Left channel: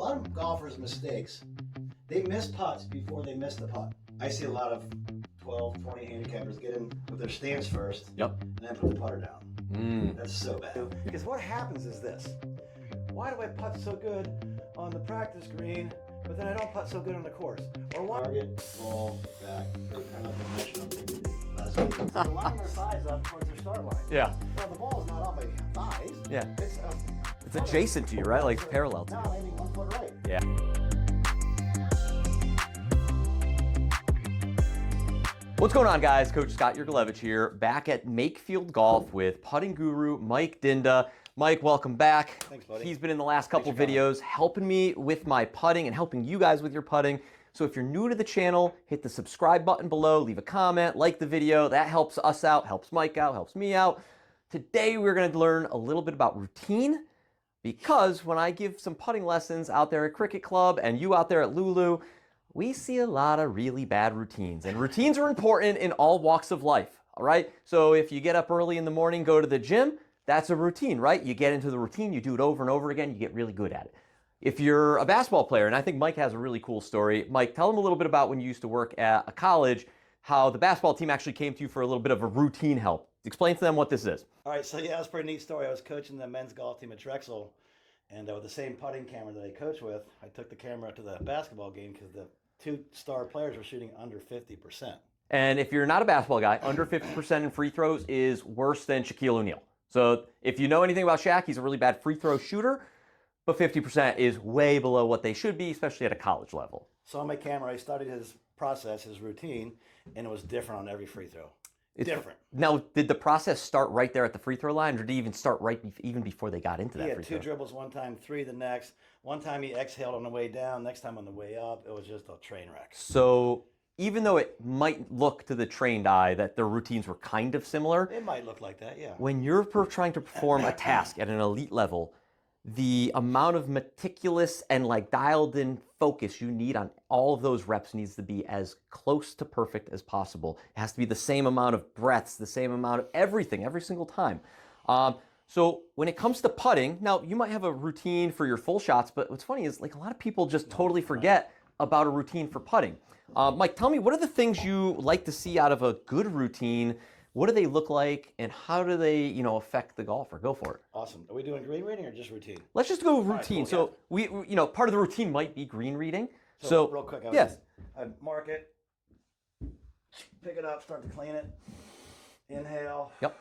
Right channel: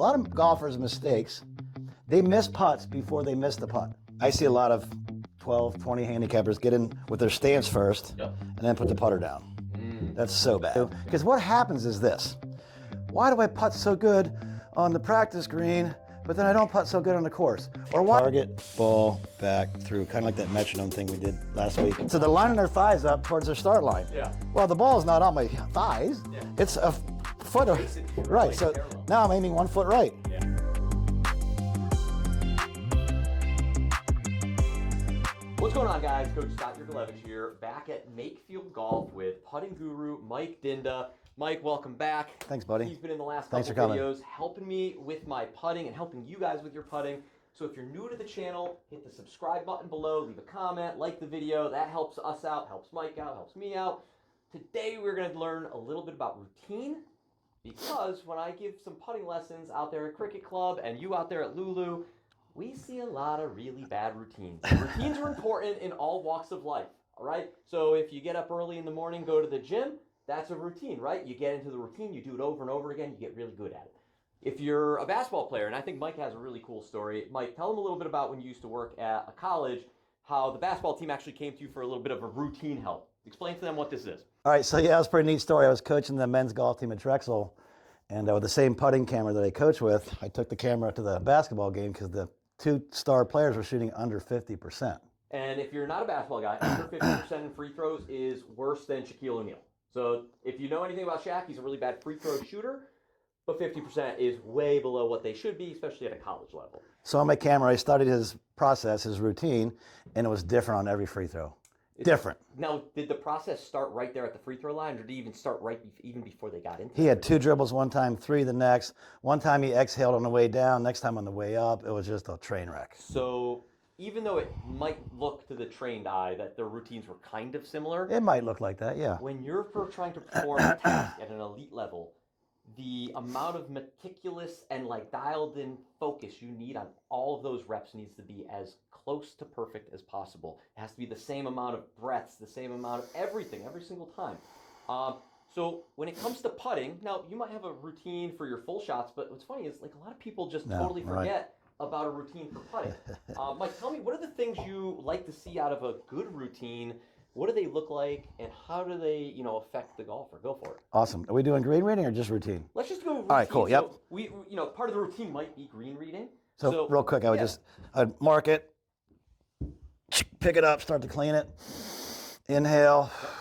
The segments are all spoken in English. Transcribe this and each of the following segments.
lot of golfers' mistakes, they miss putts before they miss the putt. I see a lot of 12, 20 handicappers get in with their stance first and then put the putter down. That's so bad. Because what happens is this. Why do I putt so good on the practice green, but then I don't putt so good on the course? Or why? Target, ball, back, through, kind of like that metronome thing we did last week. So they're lining their thighs up towards their start line. Yeah. Well, the ball's not on my thighs. Yeah. It's a foot adjacent to you, right? Like so parallel. Now I'm aiming 1 foot right. Yeah. What's going on, guys? Coach Scott Yurgz here, back at Makefield Golf with putting guru Mike Dynda. Mike, welcome back. Thanks, buddy. He's been in the last couple videos helping me with my putting and helping you guys with your putting. So if you're new to the channel, hit the subscribe button below, leave a comment, like the video. That helps us out, helps Mike out, helps me out. Today we're going to learn a little bit about routine, because when I give some putting lessons out there at Cricket Club and you out there at Lulu, we see a lot of really bad routines. And routines are important in all walks of life, all right? So if you get up early in the morning, go to the gym, that's a routine, right? You get into the routine, you do it over and over again, you get really good at it. If you're a basketball player, and I think Mike has a really cool story. Mike, tell them a little bit about when you used to work at a college, how the basketball team actually came to you for a little bit of a routine help. Explain to them what this is. All right, so yeah, that's a pretty neat story. I was coaching the men's golf team at Drexel, and with the same putting camera that I coach with, I took the camera to the basketball game because the two star players were shooting under 50%. And if you're not a basketball guy, under 50% in free throws is worse than Shaquille O'Neal. So if you know anything about Shaq, he's a really bad free throw shooter, but 50% is way below what they should be, especially at a college level. So on my camera, I studied his process, his routine, and it was different on every free throw. Different. Now, did the process start right there at the free throw line, or did he even start even before they got into that? He had two dribbles one time, three the next. One time he exhaled on the way down, next time on the way up. It was just a train wreck. So even though it might look to the trained eye that their routines were kind of similar, it might look like that, yeah. When you're trying to perform a task at an elite level, the amount of meticulous and dialed in focus you need on all of those reps needs to be as close to perfect as possible. It has to be the same amount of breaths, the same amount of everything, every single time. So when it comes to putting, now you might have a routine for your full shots, but what's funny is a lot of people just totally forget about a routine for putting. Mike, tell me, what are the things you like to see out of a good routine? What do they look like, and how do they, affect the golfer? Go for it. Awesome. Are we doing green reading or just routine? Let's just go routine. All right, cool. So we, part of the routine might be green reading. So real quick, I'd mark it, pick it up, start to clean it, inhale. Yep.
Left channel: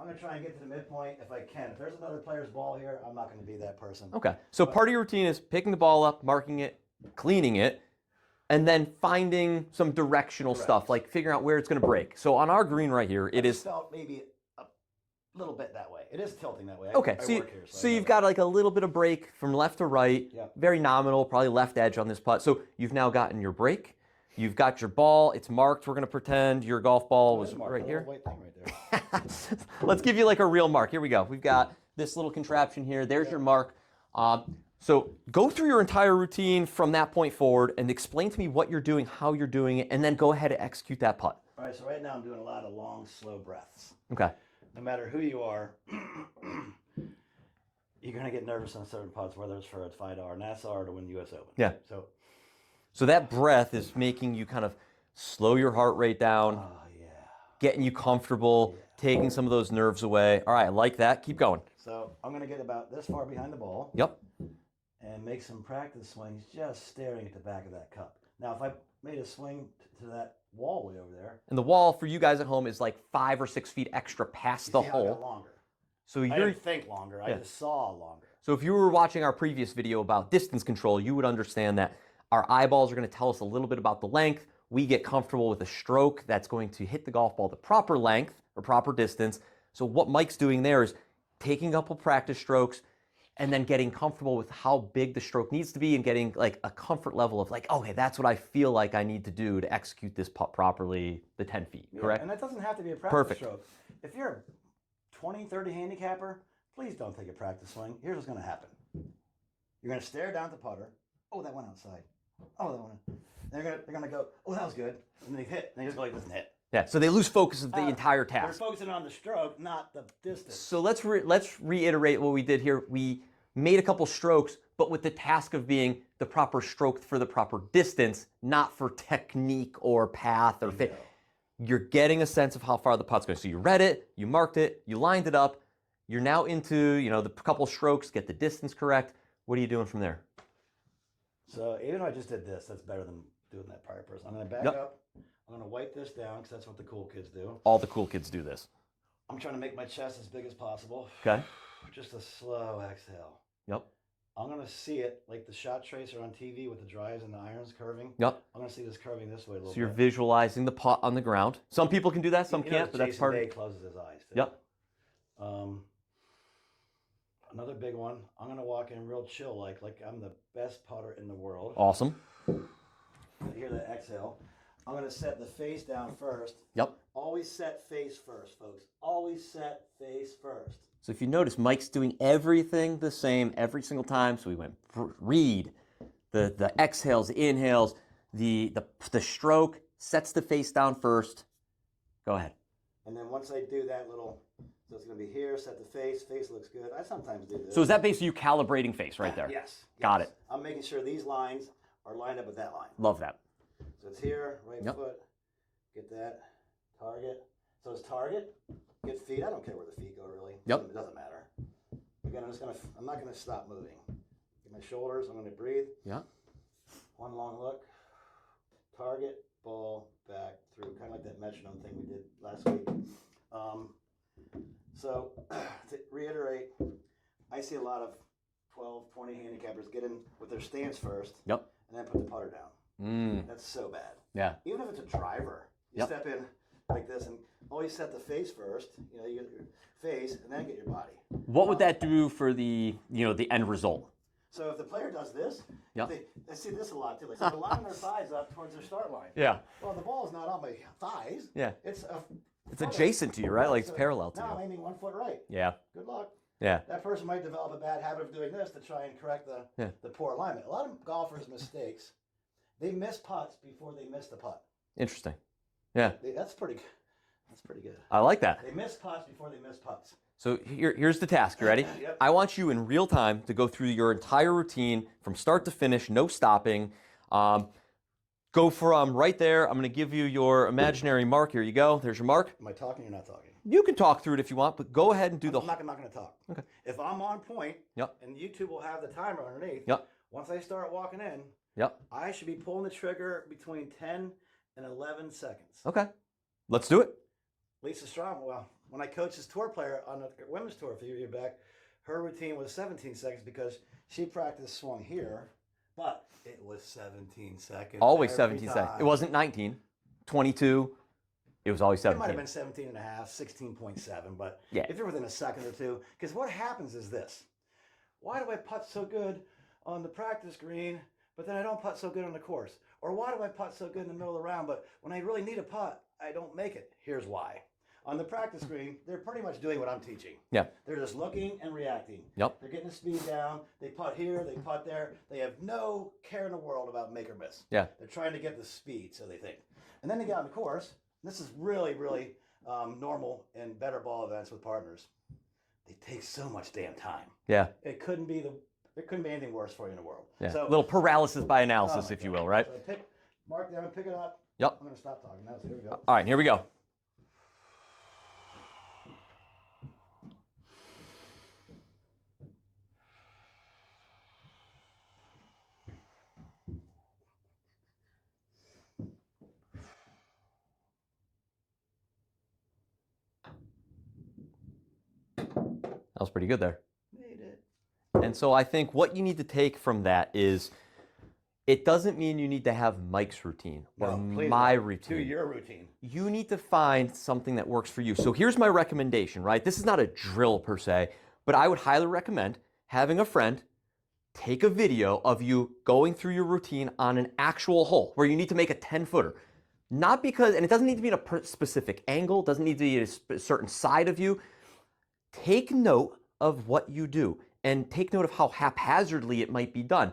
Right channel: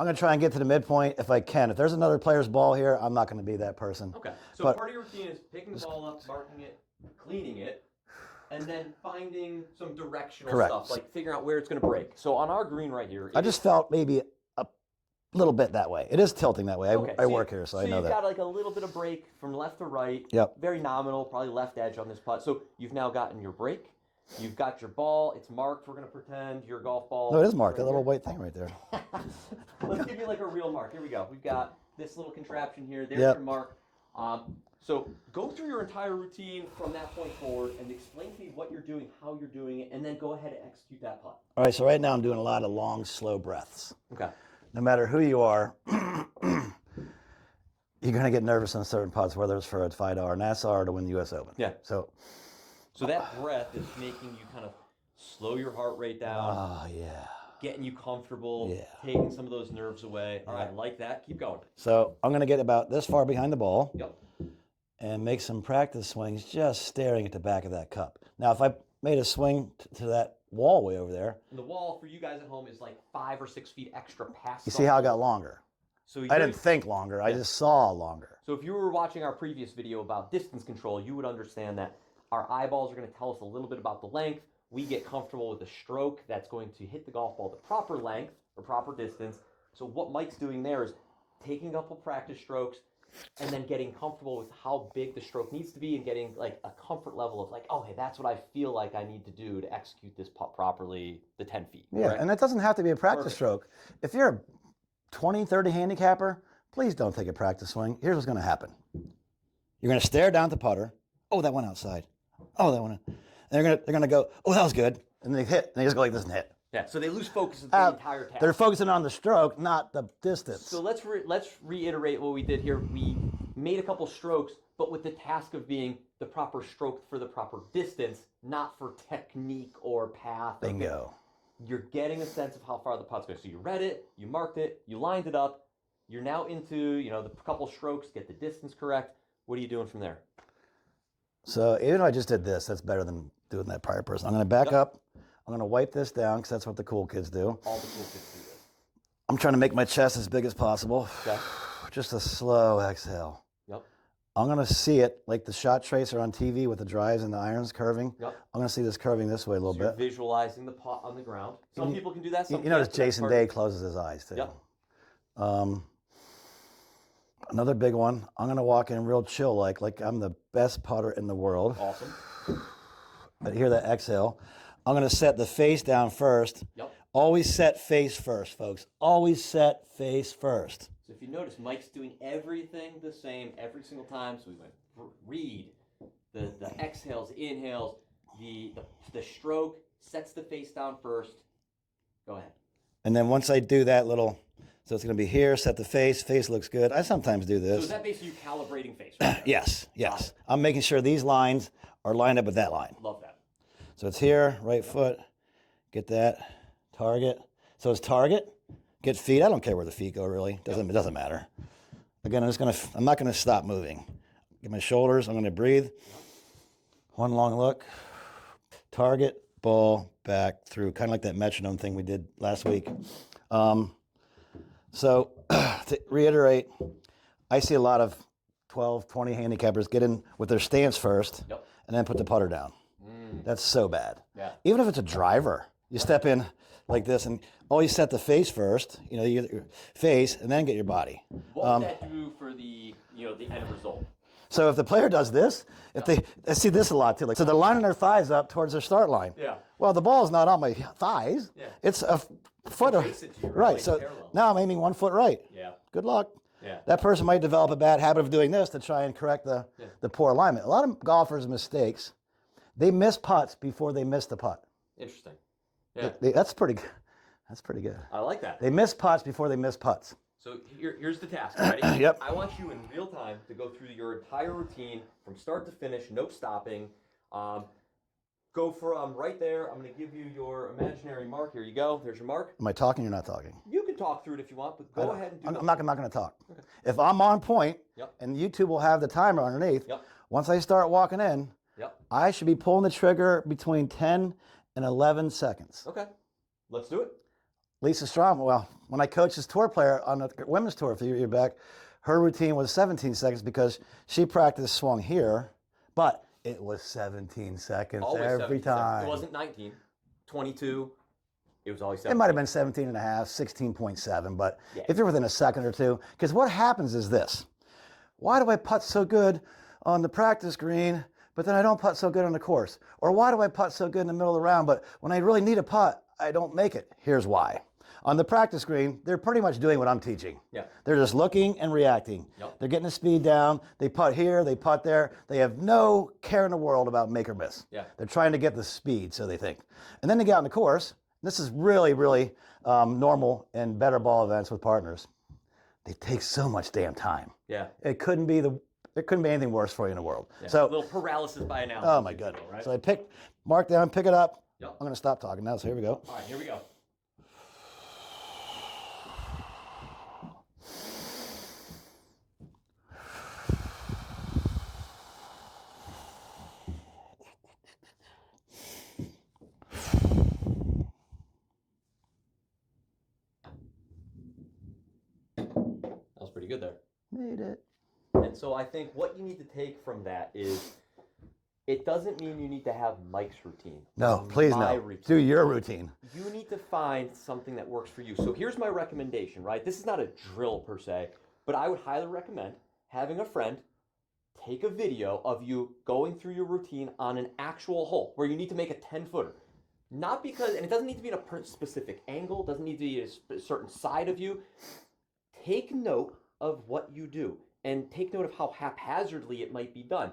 I'm going to try and get to the midpoint if I can. If there's another player's ball here, I'm not going to be that person. Okay. So part of your routine is picking the ball up, marking it, cleaning it, and then finding some directional stuff, like figuring out where it's going to break. So on our green right here, I just felt maybe a little bit that way. It is tilting that way. I work here, so I know you've got a little bit of break from left to right. Yep. Very nominal, probably left edge on this putt. So you've now gotten your break. You've got your ball. It's marked. We're going to pretend your golf ball. No, it is marked. Right, a little white thing right there. Let's give you a real mark. Here we go. We've got this little contraption here. There's your mark. So go through your entire routine from that point forward and explain to me what you're doing, how you're doing it, and then go ahead and execute that putt. All right, so right now I'm doing a lot of long, slow breaths. Okay. No matter who you are, you're going to get nervous on certain putts, whether it's for a $5 NASCAR or to win the U.S. Open. Yeah. So that breath is making you kind of slow your heart rate down. Oh, yeah. Getting you comfortable, taking some of those nerves away. All right, I like that. Keep going. So I'm going to get about this far behind the ball. Yep. And make some practice swings just staring at the back of that cup. Now, if I made a swing to that wall way over there. And the wall for you guys at home is 5 or 6 feet extra past the hole. You see how it got longer? So I didn't think longer. I just saw longer. So if you were watching our previous video about distance control, you would understand that our eyeballs are going to tell us a little bit about the length. We get comfortable with a stroke that's going to hit the golf ball the proper length or proper distance. So what Mike's doing there is taking a couple practice strokes and then getting comfortable with how big the stroke needs to be and getting a comfort level of okay, that's what I feel like I need to do to execute this putt properly, the 10 feet. Yeah, correct? And that doesn't have to be a practice stroke. If you're a 20, 30 handicapper, please don't take a practice swing. Here's what's going to happen. You're going to stare down at the putter. Oh, that went outside. Oh, that went in. They're going to go, oh, that was good. And they hit. And they just go like this and hit. Yeah, so they lose focus of the entire task. They're focusing on the stroke, not the distance. So let's reiterate what we did here. We made a couple strokes, but with the task of being the proper stroke for the proper distance, not for technique or path. Or Bingo. You're getting a sense of how far the putt's going. So you read it, you marked it, you lined it up. You're now into, the couple strokes, get the distance correct. What are you doing from there? So even though I just did this, that's better than doing that prior person. I'm going to back up. I'm going to wipe this down because that's what the cool kids do. All the cool kids do this. I'm trying to make my chest as big as possible. Okay. Just a slow exhale. Yep. I'm going to see it like the shot tracer on TV with the drives and the irons curving. Yep. I'm going to see this curving this way a little So you're bit. visualizing the putt on the ground. Some people can do that. Some as can't. Jason Day closes his eyes too. Yep. Another big one. I'm going to walk in real chill like I'm the best putter in the world. Awesome. But hear that exhale. I'm going to set the face down first. Yep. Always set face first, folks. Always set face first. So if you notice, Mike's doing everything the same every single time. So we went read, the exhales, the inhales, the stroke, sets the face down first. Go ahead. And then once I do that little, so it's going to be here, set the face. Face looks good. I sometimes do this. So is that basically you calibrating face right there? Yes. Got it. I'm making sure these lines are lined up with that line. Love that. So it's here, right foot, get that, target. So it's target, get feet. I don't care where the feet go really. It doesn't matter. Again, I'm not gonna stop moving. Get my shoulders, I'm gonna breathe. Yeah. One long look, target, ball, back, through, kind of like that metronome thing we did last week. So to reiterate, I see a lot of 12, 20 handicappers get in with their stance first and then put the putter down. That's so bad. Yeah. Even if it's a driver, you step in like this and always set the face first. You get your face and then get your body. What would that do for the end result? So if the player does this, I see this a lot too. So they're lining their thighs up towards their start line. Yeah. Well, the ball's not on my thighs. Yeah. It's a foot adjacent to you, right? Like so parallel to now I'm aiming 1 foot right. Yeah. Good luck. Yeah. That person might develop a bad habit of doing this to try and correct the poor alignment. A lot of golfers' mistakes, they miss putts before they miss the putt. Interesting. Yeah. That's pretty good. That's pretty good. I like that. They miss putts before they miss putts. So here's the task. You ready? Yep. I want you in real time to go through your entire routine from start to finish, no stopping. Go from right there. I'm going to give you your imaginary mark. Here you go. There's your mark. Am I talking? You're not talking. You can talk through it if you want, but go ahead and do I'm not going to talk. Okay. If I'm on point, and YouTube will have the timer underneath, once I start walking in, I should be pulling the trigger between 10 and 11 seconds. Okay. Let's do it. Lisa Strom, well, when I coached this tour player on the women's tour a few years back, her routine was 17 seconds because she practiced swung here, but it was 17 seconds. Always every 17 time. seconds. It wasn't 19, 22. It was always 17. It might have been 17 and a half, 16.7, but Yeah. if you're within a second or two, because what happens is this. Why do I putt so good on the practice green, but then I don't putt so good on the course? Or why do I putt so good in the middle of the round, but when I really need a putt, I don't make it? Here's why. On the practice green, they're pretty much doing what I'm teaching. Yeah. They're just looking and reacting. Yep. They're getting the speed down. They putt here, they putt there. They have no care in the world about make or miss. Yeah. They're trying to get the speed, so they think. And then they get on the course. This is really, really normal in better ball events with partners. They take so much damn time. Yeah. It couldn't be anything worse for you in the world. Yeah. So a little paralysis by analysis, if you will, right? So I mark down, pick it up. Yep. I'm going to stop talking now, so here we go. All right, here we go. That was pretty good there. Made it. And so I think what you need to take from that is it doesn't mean you need to have Mike's routine. No, please my no. routine. Do your routine. You need to find something that works for you. So here's my recommendation, right? This is not a drill per se, but I would highly recommend having a friend take a video of you going through your routine on an actual hole where you need to make a 10-footer. Not because, and it doesn't need to be in a specific angle, doesn't need to be a certain side of you. Take note of what you do and take note of how haphazardly it might be done.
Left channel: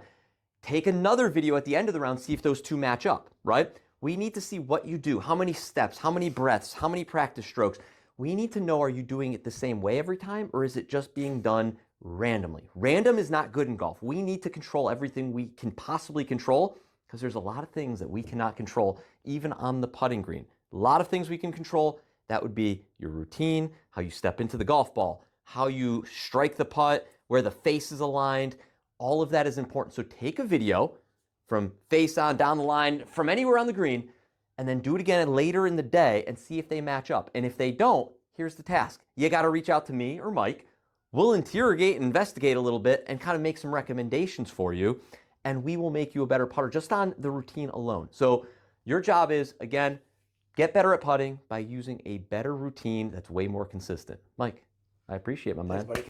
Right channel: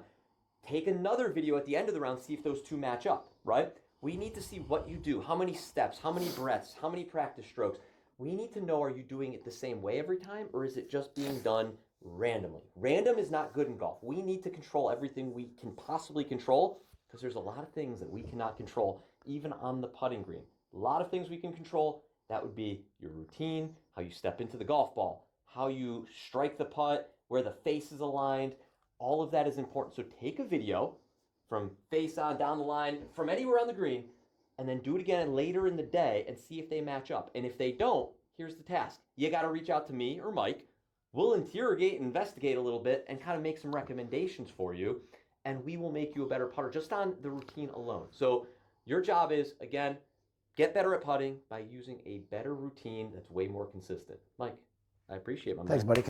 Take another video at the end of the round, see if those two match up, right? We need to see what you do, how many steps, how many breaths, how many practice strokes. We need to know, are you doing it the same way every time, or is it just being done randomly. Random is not good in golf. We need to control everything we can possibly control because there's a lot of things that we cannot control, even on the putting green. A lot of things we can control. That would be your routine, how you step into the golf ball, how you strike the putt, where the face is aligned. All of that is important. So take a video from face on, down the line, from anywhere on the green, and then do it again later in the day and see if they match up. And if they don't, here's the task. You got to reach out to me or Mike. We'll interrogate and investigate a little bit and kind of make some recommendations for you, and we will make you a better putter just on the routine alone. So your job is, again, get better at putting by using a better routine that's way more consistent. Mike, I appreciate it, my man. Thanks, buddy.